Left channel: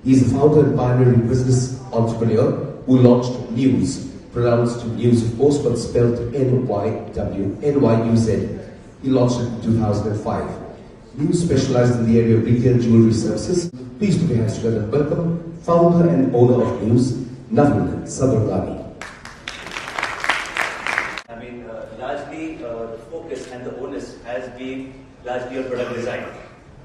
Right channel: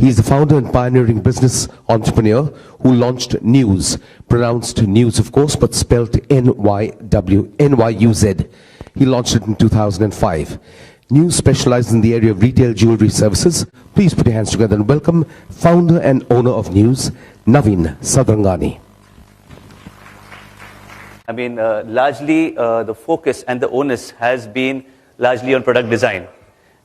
He is the founder and pioneering business entrepreneur who launched NYUZ, pronounced NYUZ of course, but spelled NYUZ. He launched it in 2005. NYUZ specializes in the area of retail jewelry services. Please put your hands together and welcome founder and owner of NYUZ, Naveen Sadarangani. I mean, largely the focus and the onus has been largely on product design.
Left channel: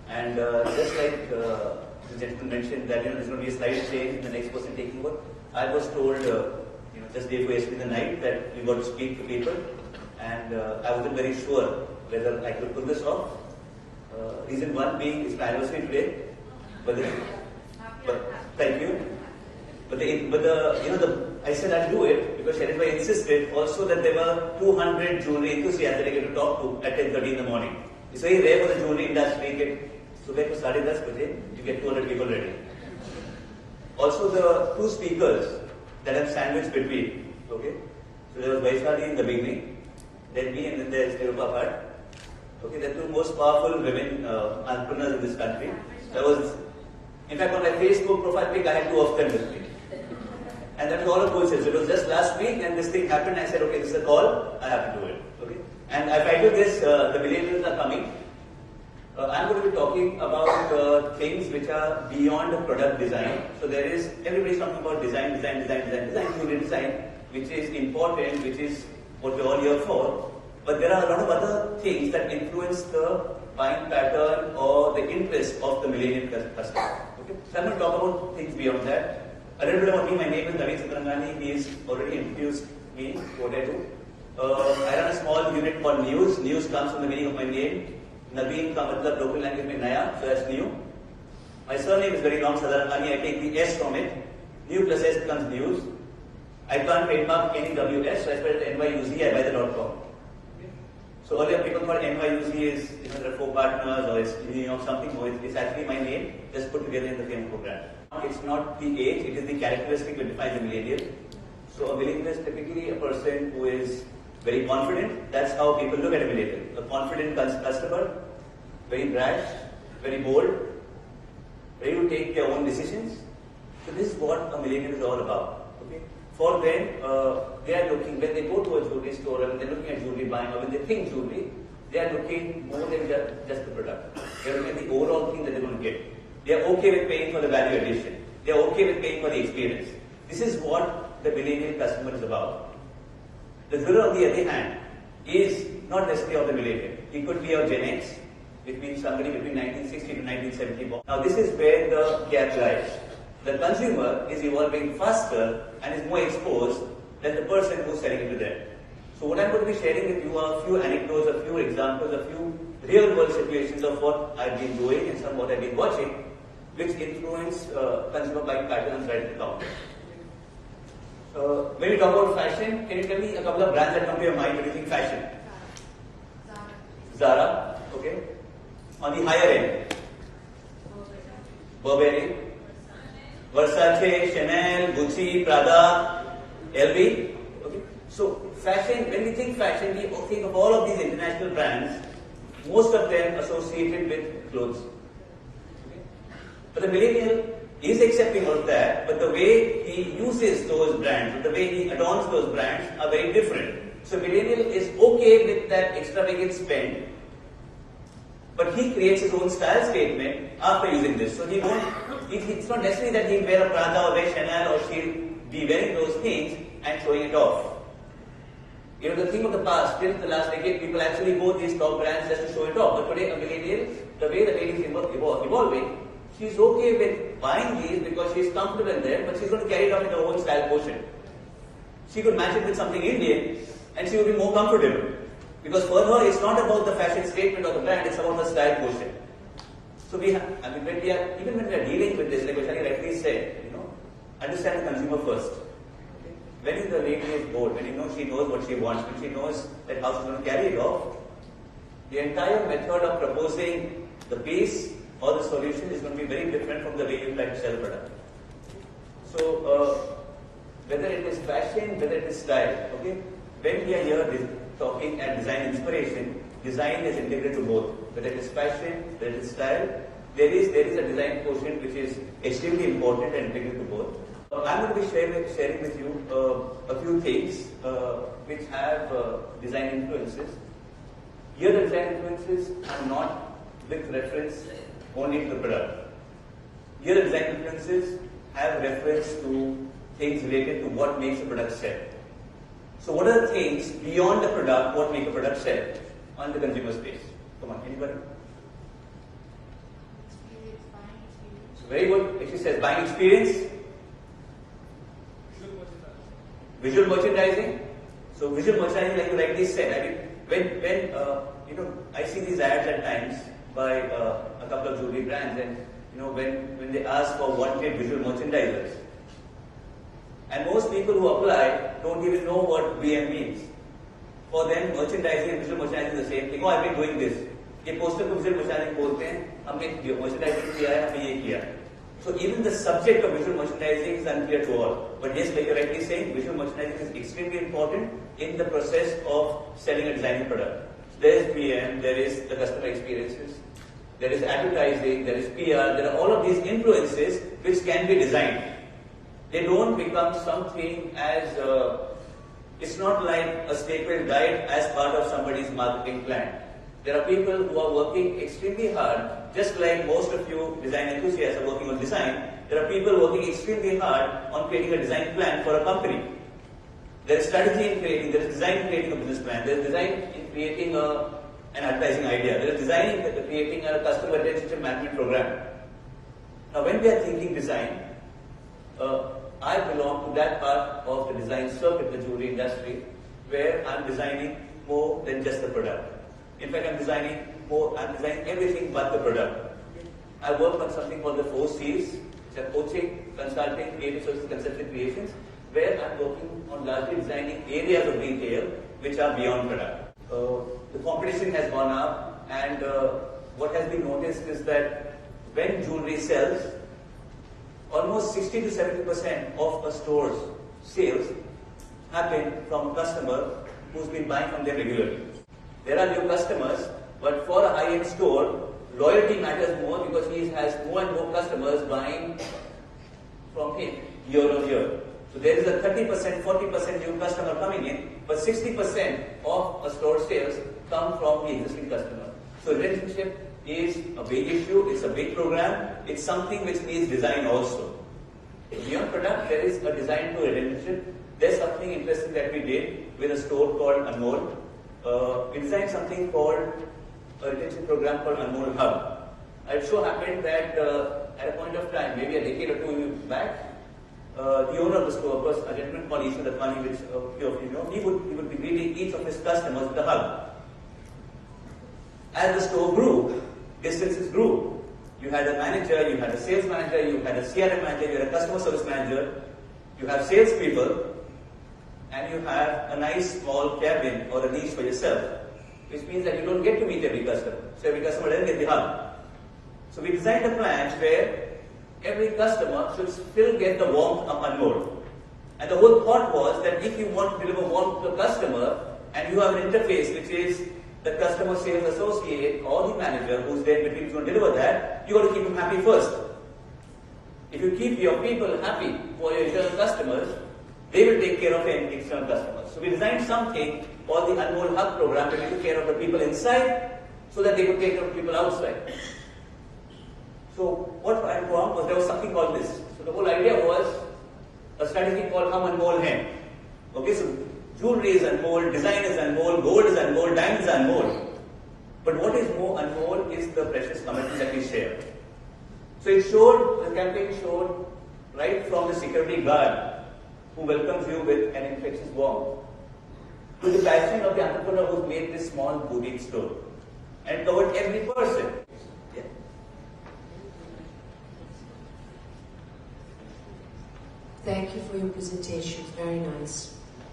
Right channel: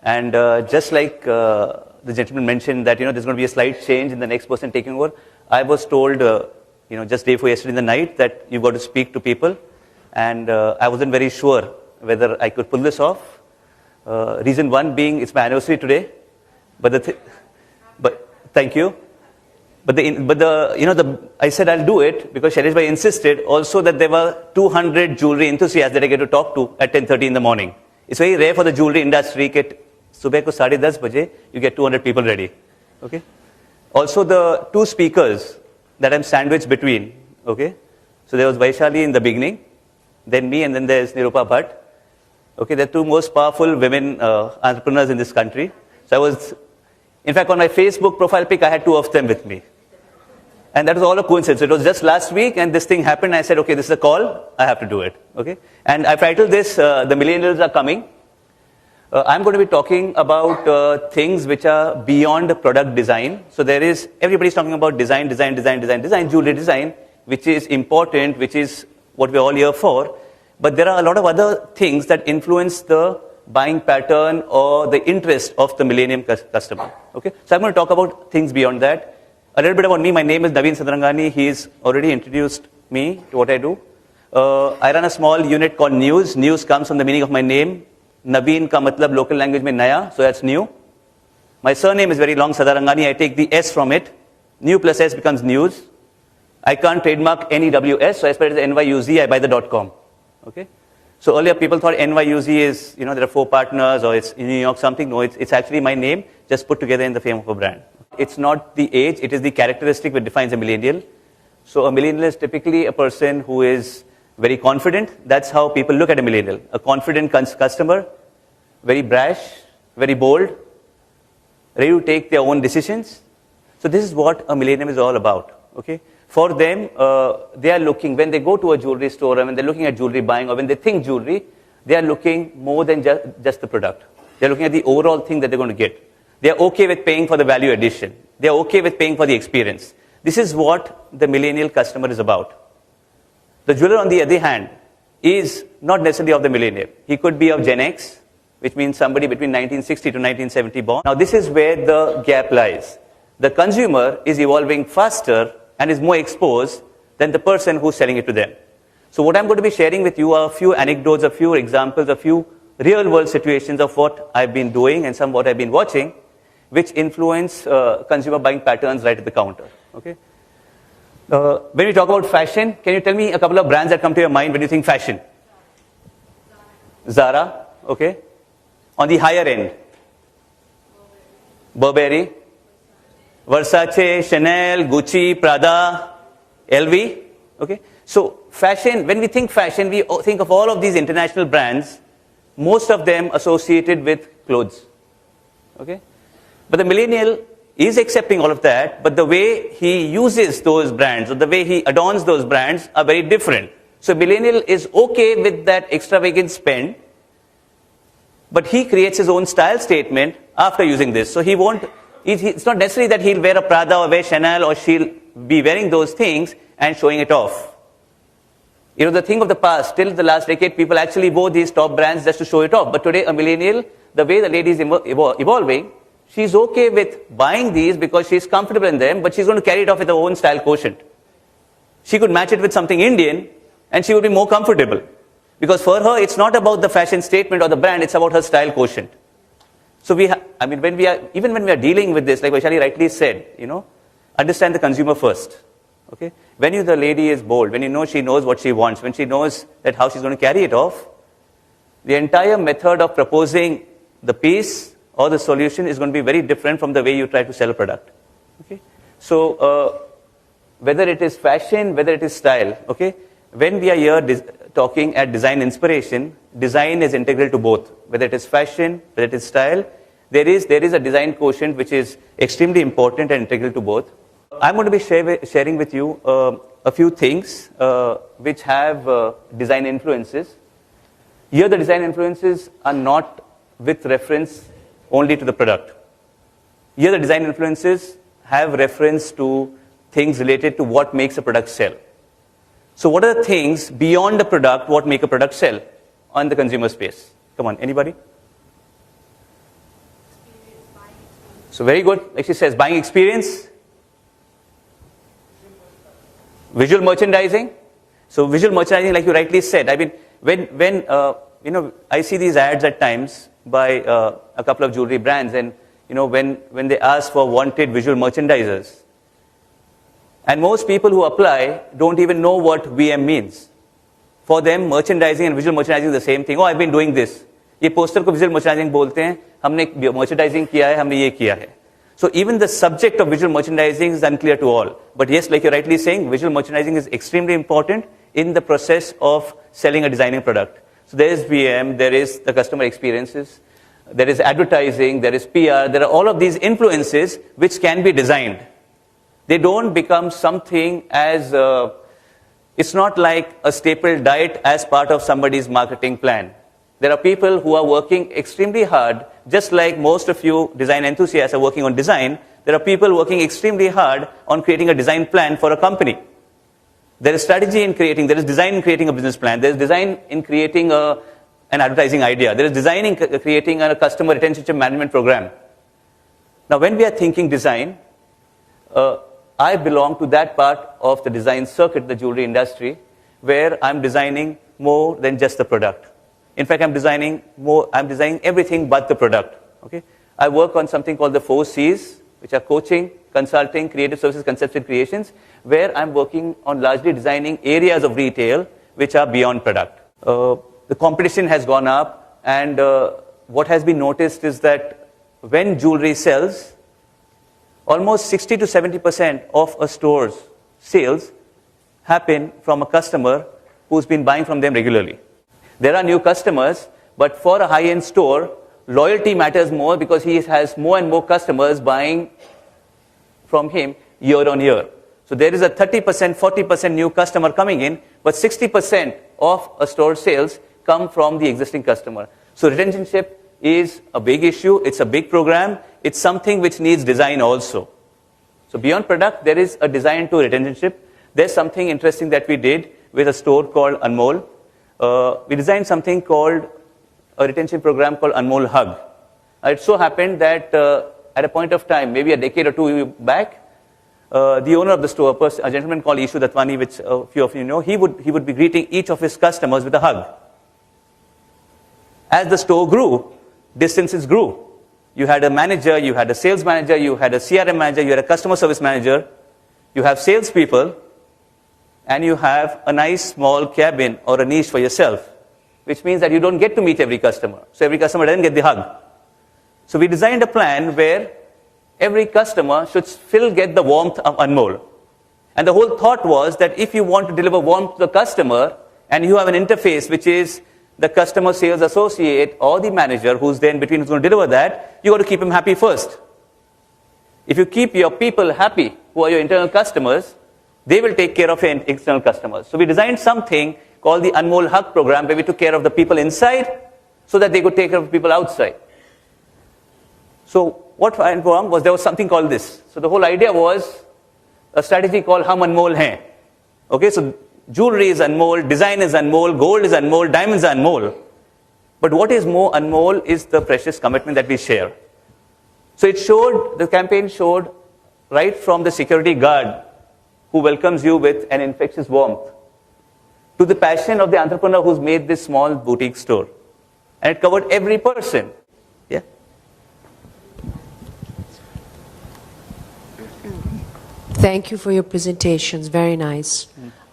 And just like the gentleman mentioned that, there's going to be a slight change in the next person taking over, I was told, just day before yesterday in the night that you've got to speak to people. And I wasn't very sure whether I could pull this off. Reason one being it's my anniversary today. But thank you. I said I'll do it because Shailesh Bhai insisted also that there were 200 jewelry enthusiasts that I get to talk to at 10:30 in the morning. It's very rare for the jewelry industry that subah ko 10:30 baje you get 200 people ready. Okay. Also the two speakers that I'm sandwiched between. Okay. So there was Vaishali in the beginning, then me, and then there's Nirupa Bhatt. Okay, they're two most powerful women entrepreneurs in this country. So in fact, on my Facebook profile pic, I had two of them with me. And that was all a coincidence. It was just last week and this thing happened. I said, okay, this is a call. I have to do it. Okay. And I've titled this, The Millennials Are Coming. I'm going to be talking about things which are beyond product design. So everybody's talking about design, jewelry design, which is important, which is what we're all here for. But there are a lot of other things that influence the buying pattern or the interest of the millennium customer. Okay? So I'm going to talk about things beyond that. A little bit about me. My name is Naveen Sadarangani. He's already introduced me to what I do. I run a small unit called NYUZ. NYUZ comes from the meaning of my name. Naveen ka matlab local language mein naya, so that's new. My surname is very long, Sadarangani. I take the S from it. New plus S becomes NYUZ. I can't trademark NEWS, so I spell it as NYUZ. I buy the .com. Okay? So earlier people thought NYUZ is, there are 4 partners or it's in New York something. No, it's actually my name just put together in the fame of a brand. It's not the age, it is the characteristic that defines a millennial. So a millennial is typically a person who is very confident. That's how people look at a millennial. A confident customer, very brash, very bold, ready to take their own decisions. So this is what a millennial is all about. Okay? For them, they are looking, when they go to a jewelry store or when they're looking at jewelry buying or when they think jewelry, they are looking more than just the product. They're looking at the overall thing that they're going to get. They're okay with paying for the value addition. They're okay with paying for the experience. This is what the millennial customer is about. The jeweler, on the other hand, is not necessarily of the millennial. He could be of Gen X, which means somebody between 1960 to 1970 born. Now this is where the gap lies. The consumer is evolving faster and is more exposed than the person who's selling it to them. So what I'm going to be sharing with you are a few anecdotes, a few examples, a few real world situations of what I've been doing and some what I've been watching, which influence consumer buying patterns right at the counter. Okay? When we talk about fashion, can you tell me a couple of brands that come to your mind when you think fashion? Zara, okay. On the higher end, Burberry, Versace, Chanel, Gucci, Prada, LV. Okay. So fashion, when we think fashion, we think of all of these international brands, most of them associated with clothes. Okay. But the millennial is accepting all of that, but the way he uses those brands or the way he adorns those brands are very different. So millennial is okay with that extravagant spend, but he creates his own style statement after using this. So he won't, it's not necessarily that he'll wear a Prada or wear Chanel or she'll be wearing those things and showing it off. The thing of the past, till the last decade, people actually wore these top brands just to show it off. But today, a millennial, the way the lady is evolving, she's okay with buying these because she's comfortable in them, but she's going to carry it off with her own style quotient. She could match it with something Indian and she would be more comfortable. Because for her, it's not about the fashion statement or the brand, it's about her style quotient. So even when we are dealing with this, like Vaishali rightly said, understand the consumer first. Okay? When the lady is bold, when she knows what she wants, when she knows that how she's going to carry it off, the entire method of proposing the piece or the solution is going to be very different from the way you try to sell a product. Okay? So whether it is fashion, whether it is style, okay? When we are here talking at design inspiration, design is integral to both. Whether it is fashion, whether it is style, there is a design quotient which is extremely important and integral to both. I'm going to be sharing with you a few things which have design influences. Here the design influences are not with reference only to the product. Here the design influences have reference to things related to what makes a product sell. So what are the things beyond the product what make a product sell on the consumer space? Come on, anybody? So very good. Actually says buying experience. Visual merchandising. So visual merchandising, like you rightly said, I mean, when I see these ads at times by a couple of jewelry brands, and when they ask for wanted visual merchandisers, and most people who apply don't even know what VM means. For them, merchandising and visual merchandising is the same thing. Oh, I've been doing this. ये poster को visual merchandising बोलते हैं. हमने merchandising किया है, हमने ये किया है. So even the subject of visual merchandising is unclear to all. But yes, like you're rightly saying, visual merchandising is extremely important in the process of selling a designing product. So there is VM, there is the customer experiences, there is advertising, there is PR, there are all of these influences which can be designed. They don't become something as, it's not like a staple diet as part of somebody's marketing plan. There are people who are working extremely hard, just like most of you design enthusiasts are working on design. There are people working extremely hard on creating a design plan for a company. There is strategy in creating, there is design in creating a business plan, there is design in creating an advertising idea, there is design in creating a customer retention management program. Now when we are thinking design, I belong to that part of the design circuit, the jewelry industry, where I'm designing more than just the product. In fact, I'm designing everything but the product. Okay? I work on something called the 4 C's, which are coaching, consulting, creative services, concepts and creations, where I'm working on largely designing areas of retail which are beyond product. The competition has gone up, and what has been noticed is that when jewelry sells, almost 60 to 70% of a store's sales happen from a customer who's been buying from them regularly. There are new customers, but for a high-end store, loyalty matters more because he has more and more customers buying from him year on year. So there is a 30%, 40% new customer coming in, but 60% of a store sales come from the existing customer. So retentionship is a big issue, it's a big program, it's something which needs design also. So beyond product, there is a design to retentionship. There's something interesting that we did with a store called Anmol. We designed something called a retention program called Anmol Hub. It so happened that at a point of time, maybe a decade or two back, the owner of the store, a gentleman called Ishu Datwani, which a few of you know, he would be greeting each of his customers with a hug. As the store grew, distances grew. You had a manager, you had a sales manager, you had a CRM manager, you had a customer service manager, you have salespeople, and you have a nice small cabin or a niche for yourself, which means that you don't get to meet every customer. So every customer doesn't get the hug. So we designed a plan where every customer should still get the warmth of Anmol. And the whole thought was that if you want to deliver warmth to the customer, and you have an interface which is the customer sales associate or the manager who's there in between who's going to deliver that, you got to keep him happy first. If you keep your people happy, who are your internal customers, they will take care of your external customers. So we designed something called the Anmol Hug program, where we took care of the people inside so that they could take care of the people outside. So what went wrong was there was something called this. So the whole idea was a strategy called Hum Anmol Hain. Okay, so jewelry is Anmol, design is Anmol, gold is Anmol, diamonds are Anmol. But what is more Anmol is the precious commitment that we share. So it showed, the campaign showed right from the security guard who welcomes you with an infectious warmth to the passion of the entrepreneur who's made this small boutique store. And it covered every person. Yeah. Thank you for your presentations, very nice.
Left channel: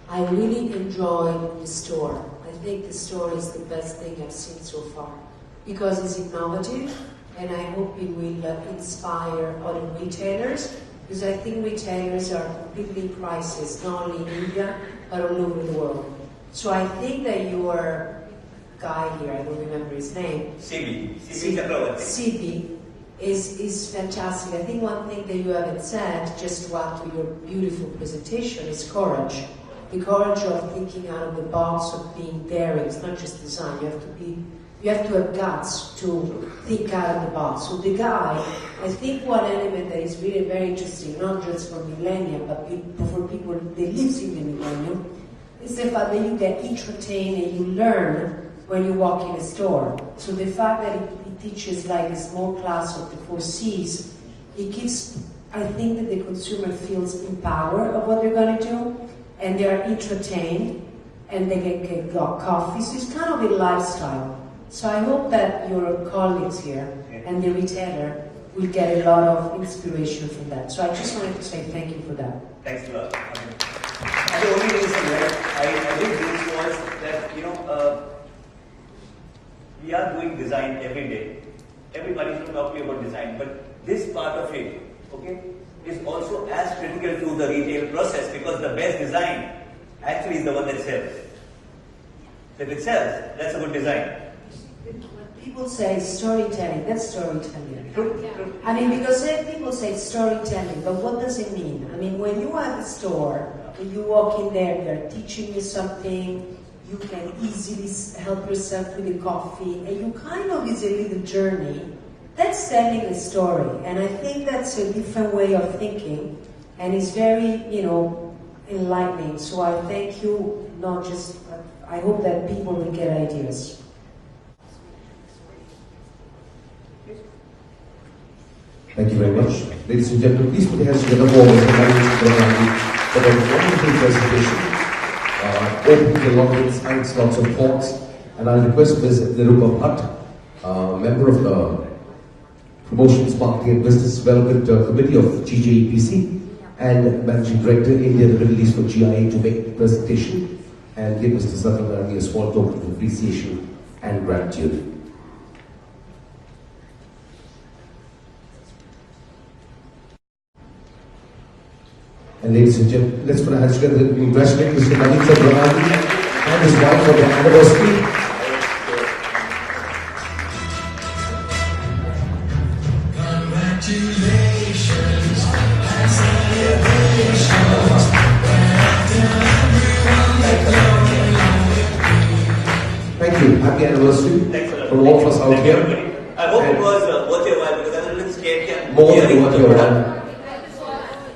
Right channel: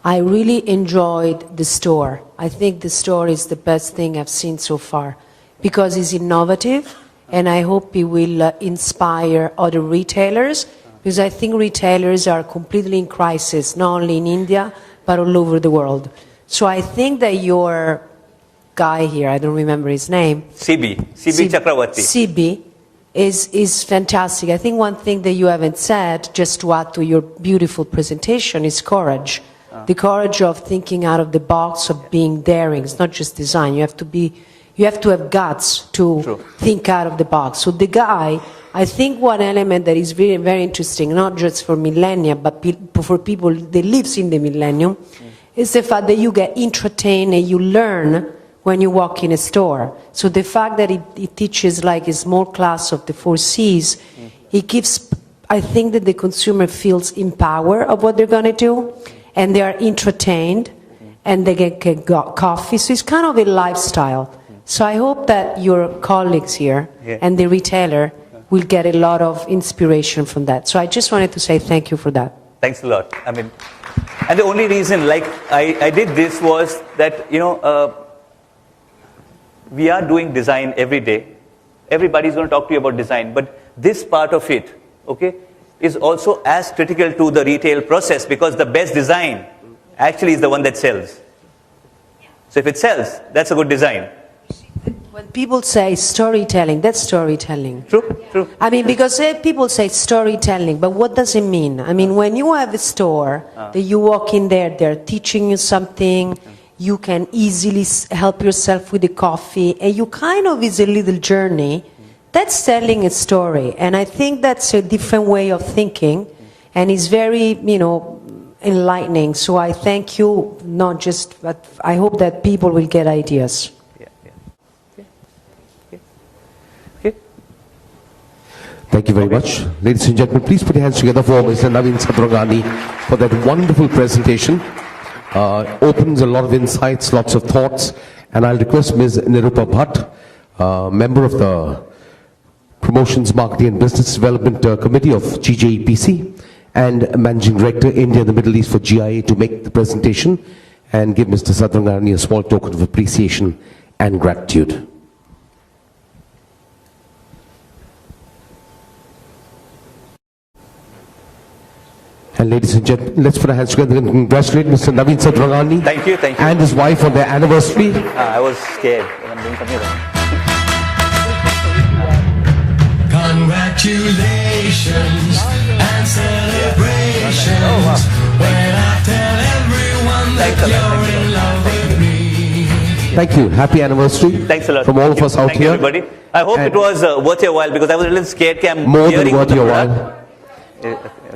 I really enjoyed the store. I think the store is the best thing I've seen so far because it's innovative, and I hope it will inspire other retailers, because I think retailers are completely in crisis, not only in India, but all over the world. So I think that your guy here, I don't remember his name. CB Chakravarti. CB is fantastic. I think one thing that you haven't said, just to add to your beautiful presentation, is courage. The courage of thinking out of the box, of being daring. It's not just design. You have to have guts to think out of the box. So the guy, I think one element that is very, very interesting, not just for millennia, but for people that lives in the millennium, is the fact that you get entertained and you learn when you walk in a store. So the fact that it teaches like a small class of the 4 C's, it gives, I think that the consumer feels empowered of what they're going to do, and they are entertained, and they get coffee. So it's kind of a lifestyle. So I hope that your colleagues here and the retailer will get a lot of inspiration from that. So I just wanted to say thank you for that. Thanks a lot. I mean, and the only reason like I did this was that, you know, we are doing design every day. Everybody's going to talk to you about design, but this part of it, okay, is also as critical to the retail process, because the best design actually is the one that sells. So if it sells, that's a good design. When people say storytelling, that's storytelling. True, true. I mean, because people say storytelling, but what does it mean? I mean, when you have a store, that you walk in there, they're teaching you something, you can easily help yourself with the coffee, and you kind of is a little journey. That's telling a story, and I think that's a different way of thinking, and it's very, you know, enlightening. So I thank you, not just, but I hope that people will get ideas. Thank you very much. Ladies and gentlemen, please put your hands together for Mr. Navin for that wonderful presentation. Opens a lot of insights, lots of thoughts, and I'll request Ms. Nirupa Bhatt, member of the Promotions, Marketing and Business Development Committee of GJEPC and Managing Director, India and the Middle East for GIA, to make the presentation and give Mr. Satyanarayana a small token of appreciation and gratitude. And ladies and gentlemen, let's put our hands together and congratulate Mr. Navin Satyanarayana Thank you. And his wife for their anniversary. I was scared. I'm doing something wrong. Congratulations and celebrations when I tell everyone that you're in love with me. Thank you. Happy anniversary. Thanks a lot. From all of us out Thank here. you, everybody. I hope it was worth your while, because I was a little scared. More than worth your while.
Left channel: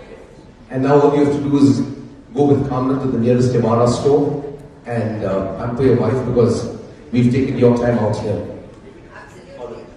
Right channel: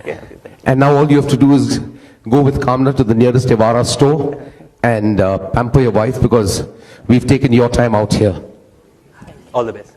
Okay. And now all you have to do is go with Kamna to the nearest Evara store and pamper your wife, because we've taken your time out here. All the best.